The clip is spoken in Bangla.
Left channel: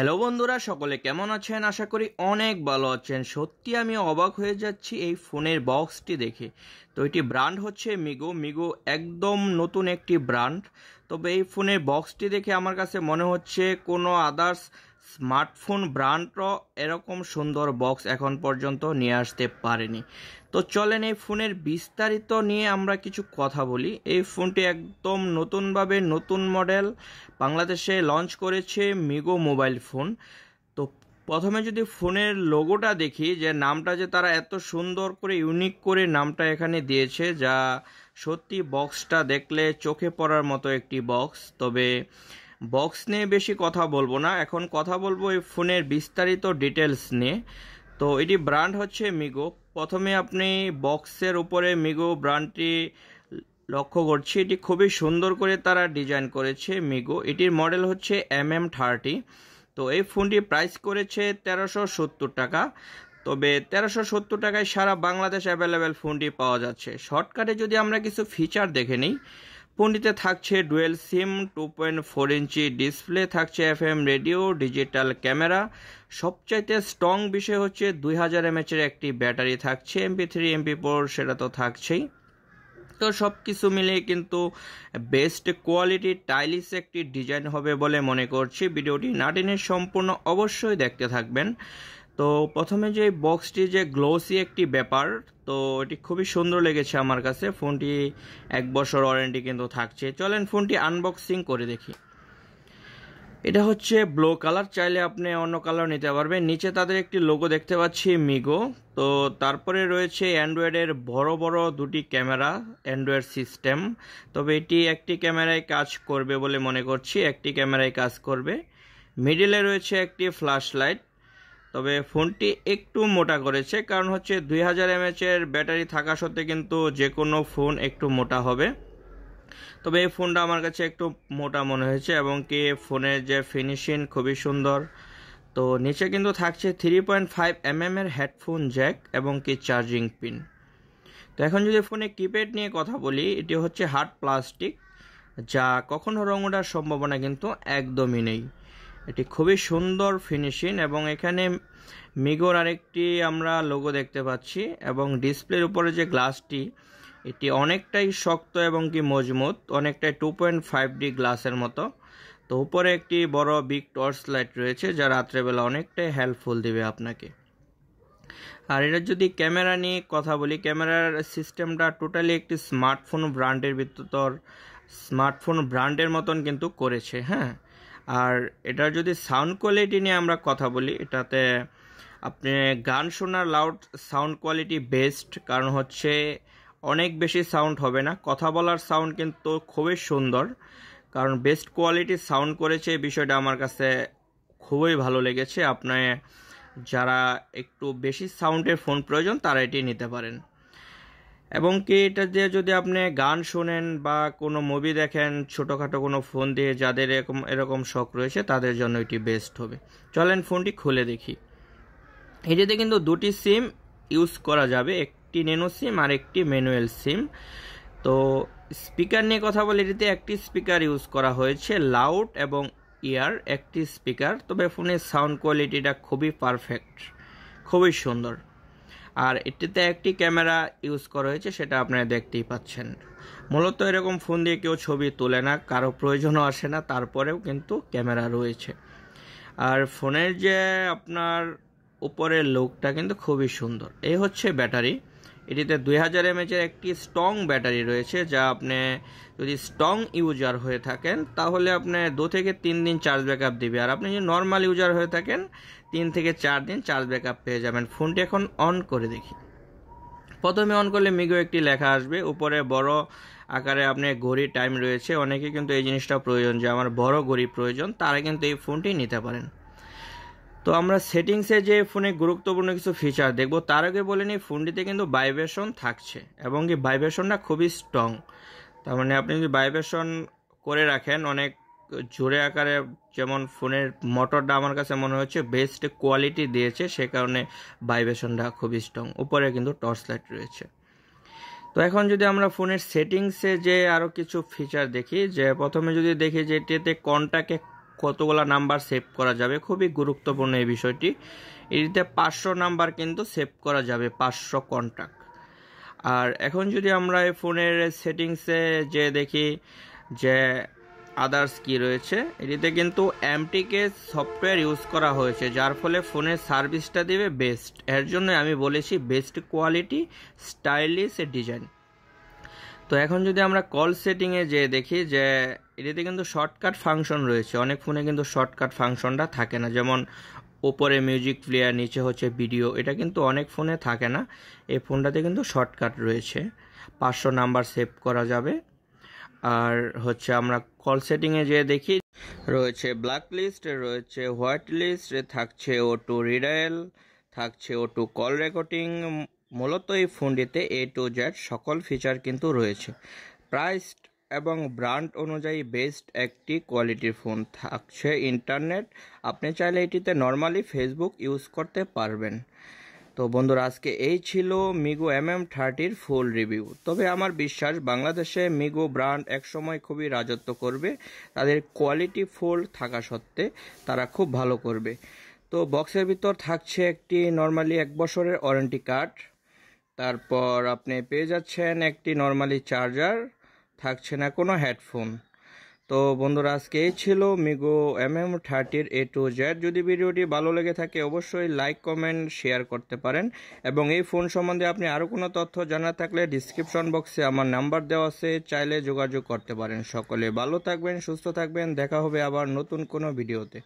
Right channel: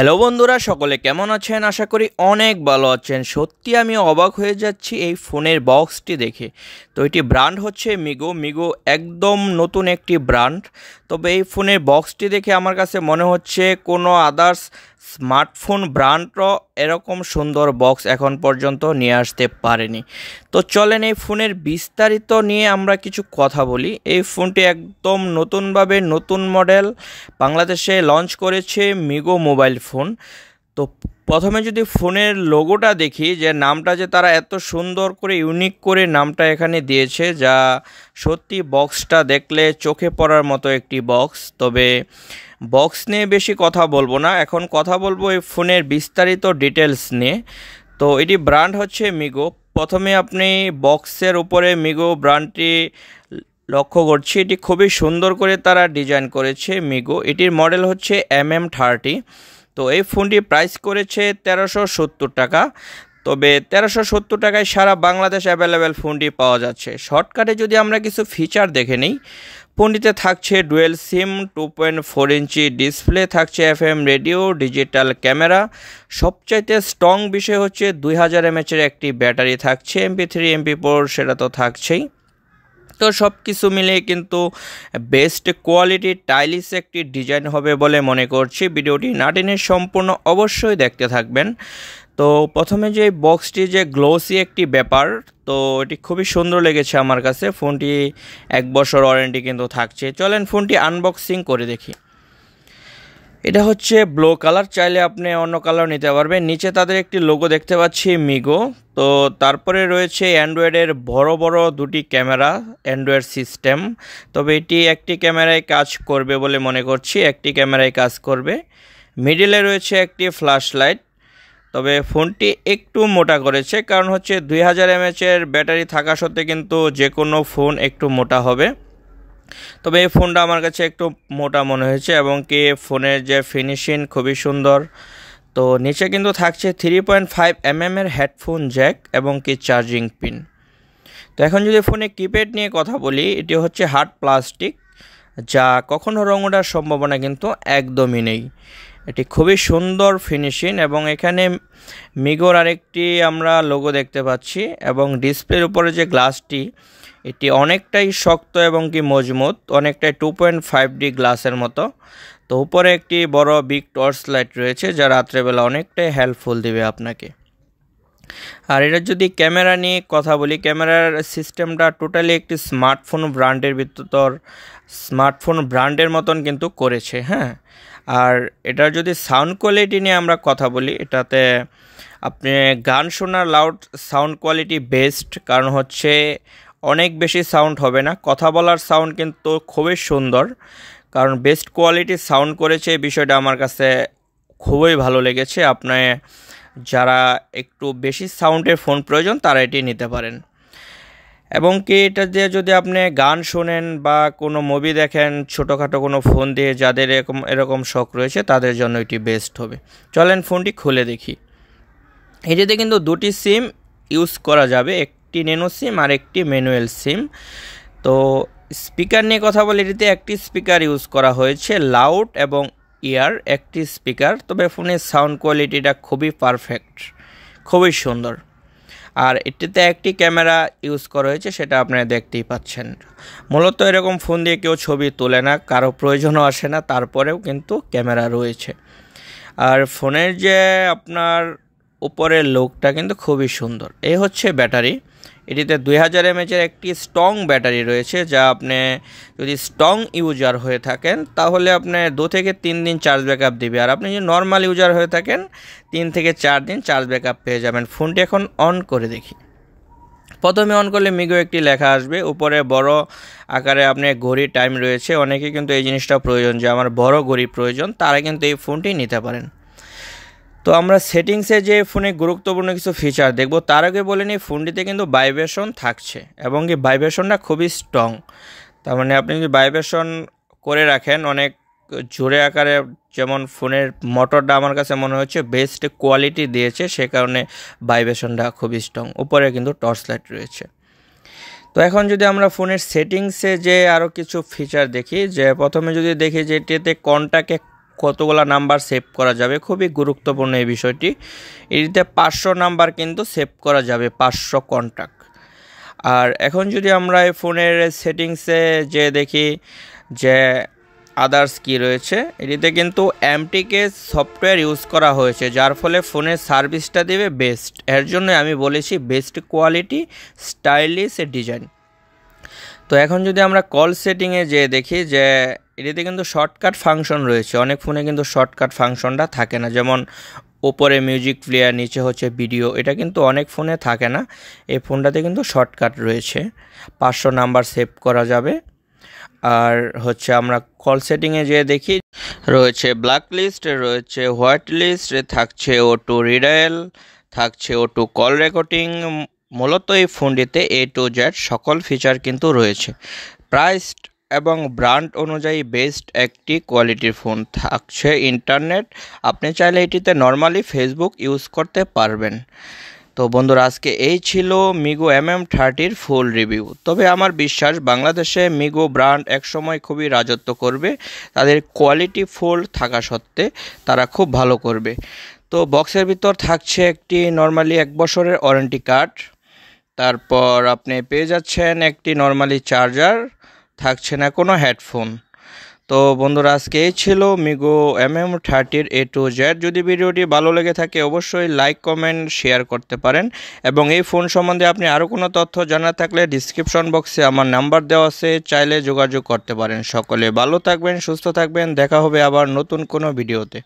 হ্যালো বন্ধুরা, সকলে কেমন আছেন? আশা করি অনেক ভালো আছেন। সত্যি আমি অবাক হয়ে যাচ্ছি এই ফোনের বক্সটি দেখে। তো এটি ব্র্যান্ড হচ্ছে মিগো একদম নতুন একটি ব্র্যান্ড। তবে এই ফোনের বক্সটি দেখে আমার কাছে মনে হচ্ছে কোনো আদার্স স্মার্টফোন ব্র্যান্ডও এরকম সুন্দর বক্স এখন পর্যন্ত নিয়ে আসতে পারেনি। তো চলেন এই ফোনের বিস্তারিত নিয়ে আমরা কিছু কথা বলি। এই ফোনটি একদম নতুনভাবে নতুন মডেল বাংলাদেশে লঞ্চ করেছে মিগো মোবাইল ফোন। তো প্রথমে যদি ফোনের লোগোটা দেখি, যে নামটা যে তারা এত সুন্দর করে ইউনিক করে নামটা এখানে দিয়েছে, যা সত্যি বক্সটা দেখলে চোখে পড়ার মতো একটি বক্স। তবে বক্স নিয়ে বেশি কথা বলবো না, এখন কথা বলবো এই ফোনের বিস্তারিত ডিটেলস নিয়ে। তো এটি ব্র্যান্ড হচ্ছে মিগো। প্রথমে আপনি বক্সের উপরে মিগো ব্র্যান্ডটি লক্ষ্য করছি, এটি খুবই সুন্দর করে তারা ডিজাইন করেছে মিগো। এটির মডেল হচ্ছে mm30। তো এই ফোনটি প্রাইস করেছে 1370 টাকা। তবে 1370 টাকায় সারা বাংলাদেশ অ্যাভেলেবেল ফোনটি পাওয়া যাচ্ছে। শর্টকাটে যদি আমরা কিছু ফিচার দেখে নিই, ফোনটিতে থাকছে ডুয়েল সিম, 2.4 ইঞ্চি ডিসপ্লে, থাকছে FM রেডিও, ডিজিটাল ক্যামেরা। সবচাইতে স্ট্রং বিষয় হচ্ছে 2000 mAh একটি ব্যাটারি থাকছে, MP3 MP4 সেটা তো থাকছেই। তো সব কিছু মিলিয়ে কিন্তু বেস্ট কোয়ালিটির টাইলিশ একটি ডিজাইন হবে বলে মনে করছি। ভিডিওটি না টেনে সম্পূর্ণ অবশ্যই দেখতে থাকবেন। তো প্রথমে যে বক্সটি যে গ্লোসি একটি ব্যাপার, তো এটি খুবই সুন্দর লেগেছে আমার কাছে। ফোনটি 1 বছর ওয়ারেন্টি কিন্তু থাকছে। চলেন ফোনটি আনবক্সিং করে দেখি। এটা হচ্ছে ব্লু কালার, চাইলে আপনি অন্য কালার নিতে পারবেন। নিচে তাদের একটি লোগো দেখতে পাচ্ছি মিগো। তো তারপরে রয়েছে অ্যান্ড্রয়েডের বড় বড় দুটি ক্যামেরা, অ্যান্ড্রয়েড সিস্টেম। তবে এটি একটি ক্যামেরায় কাজ করবে বলে মনে করছি, একটি ক্যামেরায় কাজ করবে। মিডিলে রয়েছে একটি ফ্ল্যাশ লাইট। তবে ফোনটি একটু মোটা করেছে, কারণ হচ্ছে 2000 mAh ব্যাটারি থাকা সত্ত্বে কিন্তু যে কোনো ফোন একটু মোটা হবে। তবে এই ফোনটা আমার কাছে একটু মোটা মনে হয়েছে, এবং কি ফোনের যে ফিনিশিং খুবই সুন্দর। তো নিচে কিন্তু থাকছে 3.5 mm এর হেডফোন জ্যাক এবং কি চার্জিং পিন। তো এখন যদি ফোনে কিপ্যাড নিয়ে কথা বলি, এটি হচ্ছে হার্ড প্লাস্টিক, যা কখনো রং ওঠার সম্ভাবনা কিন্তু একদমই নেই। এটি খুবই সুন্দর ফিনিশিং, এবং এখানে মিগোর আরেকটি আমরা লোগো দেখতে পাচ্ছি। এবং ডিসপ্লের উপরে যে গ্লাসটি, এটি অনেকটাই শক্ত এবং কি মজবুত, অনেকটাই 2.5D গ্লাসের মতো। তো উপরে একটি বড় বিগ টর্চ লাইট রয়েছে, যা রাত্রেবেলা অনেকটাই হেল্পফুল দিবে আপনাকে। আর এটা যদি ক্যামেরা নিয়ে কথা বলি, ক্যামেরার সিস্টেমটা টোটালি একটি স্মার্টফোন ব্র্যান্ডের মতন কিন্তু করেছে, হ্যাঁ। আর এটার যদি সাউন্ড কোয়ালিটি নিয়ে আমরা কথা বলি, এটাতে আপনি গান শোনার লাউড সাউন্ড কোয়ালিটি বেস্ট, কারণ হচ্ছে অনেক বেশি সাউন্ড হবে না। কথা বলার সাউন্ড কিন্তু খুবই সুন্দর, কারণ বেস্ট কোয়ালিটির সাউন্ড করেছে। এই বিষয়টা আমার কাছে খুবই ভালো লেগেছে। আপনি যারা একটু বেশি সাউন্ডের ফোন প্রয়োজন, তারা এটি নিতে পারেন। এবং কি এটা দিয়ে যদি আপনি গান শোনেন বা কোনো মুভি দেখেন ছোটোখাটো কোনো ফোন দিয়ে, যাদের এরকম শখ রয়েছে, তাদের জন্য এটি বেস্ট হবে। চলেন ফোনটি খুলে দেখি। এটিতে কিন্তু দুটি সিম ইউজ করা যাবে, একটি ন্যানো সিম আর একটি ম্যানুয়াল সিম। তো স্পিকার নিয়ে কথা বলে, এটিতে একটি স্পিকার ইউজ করা হয়েছে, লাউড এবং ইয়ার একটি স্পিকার। তবে ফোনের সাউন্ড কোয়ালিটিটা খুবই পারফেক্ট, খুবই সুন্দর। আর এটিতে একটি ক্যামেরা ইউজ করা হয়েছে, সেটা আপনারা দেখতেই পাচ্ছেন। মূলত এরকম ফোন দিয়ে কেউ ছবি তোলে না, কারো প্রয়োজনও আসে না, তারপরেও কিন্তু ক্যামেরা রয়েছে। আর ফোনের যে আপনার উপরের লুকটা কিন্তু খুবই সুন্দর। এই হচ্ছে ব্যাটারি। এটিতে 2000 mAh একটি স্ট্রং ব্যাটারি রয়েছে, যা আপনি যদি স্ট্রং ইউজার হয়ে থাকেন, তাহলে আপনি 2 থেকে 3 দিন চার্জ ব্যাকআপ দিবে। আর আপনি যদি নর্মাল ইউজার হয়ে থাকেন, 3 থেকে 4 দিন চার্জ ব্যাকআপ পেয়ে যাবেন। ফোনটি এখন অন করে দেখি। প্রথমে অন করলে মিগো একটি লেখা আসবে, উপরে বড় আকারে আপনার ঘড়ি টাইম রয়েছে। অনেকে কিন্তু এই জিনিসটা প্রয়োজন, যে আমার বড় ঘড়ি প্রয়োজন, তারা কিন্তু এই ফোনটি নিতে পারেন। তো আমরা সেটিংসে যে ফোনে গুরুত্বপূর্ণ কিছু ফিচার দেখব, তার আগে বলে নিই, ফোনটিতে কিন্তু ভাইব্রেশন থাকছে, এবং এই ভাইব্রেশনটা খুবই স্ট্রং। তার মানে আপনি যদি ভাইব্রেশন করে রাখেন অনেক জোরে আকারে, যেমন ফোনের মোটরটা আমার কাছে মনে হচ্ছে বেস্ট কোয়ালিটি দিয়েছে, সে কারণে ভাইব্রেশনটা খুবই স্ট্রং। উপরে কিন্তু টর্চ লাইট রয়েছে। তো এখন যদি আমরা ফোনের সেটিংসে যে আরও কিছু ফিচার দেখি, যে প্রথমে যদি দেখি যে এটিতে কতগুলো নাম্বার সেভ করা যাবে, খুবই গুরুত্বপূর্ণ এই বিষয়টি। এটিতে 500 নাম্বার কিন্তু সেভ করা যাবে, 500 কন্ট্যাক্ট। আর এখন যদি আমরা এই ফোনের সেটিংসে যে দেখি যে আদার্স কি রয়েছে, এটিতে কিন্তু এমটিকে সফটওয়্যার ইউজ করা হয়েছে, যার ফলে ফোনের সার্ভিসটা দেবে বেস্ট। এর জন্য আমি বলেছি বেস্ট কোয়ালিটি, স্টাইলিশ ডিজাইন। তো এখন যদি আমরা কল সেটিংয়ে যে দেখি যে এটিতে কিন্তু শর্টকাট ফাংশন রয়েছে। অনেক ফোনে কিন্তু শর্টকাট ফাংশনটা থাকে না, যেমন উপরে মিউজিক প্লেয়ার, নিচে হচ্ছে ভিডিও, এটা কিন্তু অনেক ফোনে থাকে না। এই ফোনটাতে কিন্তু শর্টকাট রয়েছে, 500 নাম্বার সেভ করা যাবে। আর হচ্ছে আমরা কল সেটিংয়ে যে দেখি রয়েছে ব্ল্যাক লিস্ট, রয়েছে হোয়াইট লিস্ট, থাকছে অটো রিডায়াল, থাকছে অটো কল রেকর্ডিং। মূলত এই ফোনটিতে A to Z সকল ফিচার কিন্তু রয়েছে। প্রাইস এবং ব্র্যান্ড অনুযায়ী বেস্ট একটি কোয়ালিটির ফোন। থাকছে ইন্টারনেট, আপনি চাইলে এটিতে নর্মালি ফেসবুক ইউজ করতে পারবেন। তো বন্ধুরা, আজকে এই ছিল মিগো mm30-র ফুল রিভিউ। তবে আমার বিশ্বাস বাংলাদেশে মিগো ব্র্যান্ড একসময় খুবই রাজত্ব করবে, তাদের কোয়ালিটি ফুল থাকা সত্ত্বে তারা খুব ভালো করবে। তো বক্সের ভিতর থাকছে একটি নর্মালি 1 বছরের ওয়ারেন্টি কার্ড, তারপর আপনি পেয়ে যাচ্ছেন একটি নর্মালি চার্জার, থাকছে না কোনো হেডফোন। তো বন্ধুরা, আজকে এই ছিল মিগো mm30-র A to Z। যদি ভিডিওটি ভালো লেগে থাকে অবশ্যই লাইক, কমেন্ট, শেয়ার করতে পারেন। এবং এই ফোন সম্বন্ধে আপনি আরও কোনো তথ্য জানা থাকলে ডিসক্রিপশন বক্সে আমার নাম্বার দেওয়া আছে, চাইলে যোগাযোগ করতে পারেন। সকলে ভালো থাকবেন, সুস্থ থাকবেন, দেখা হবে আবার নতুন কোনো ভিডিওতে।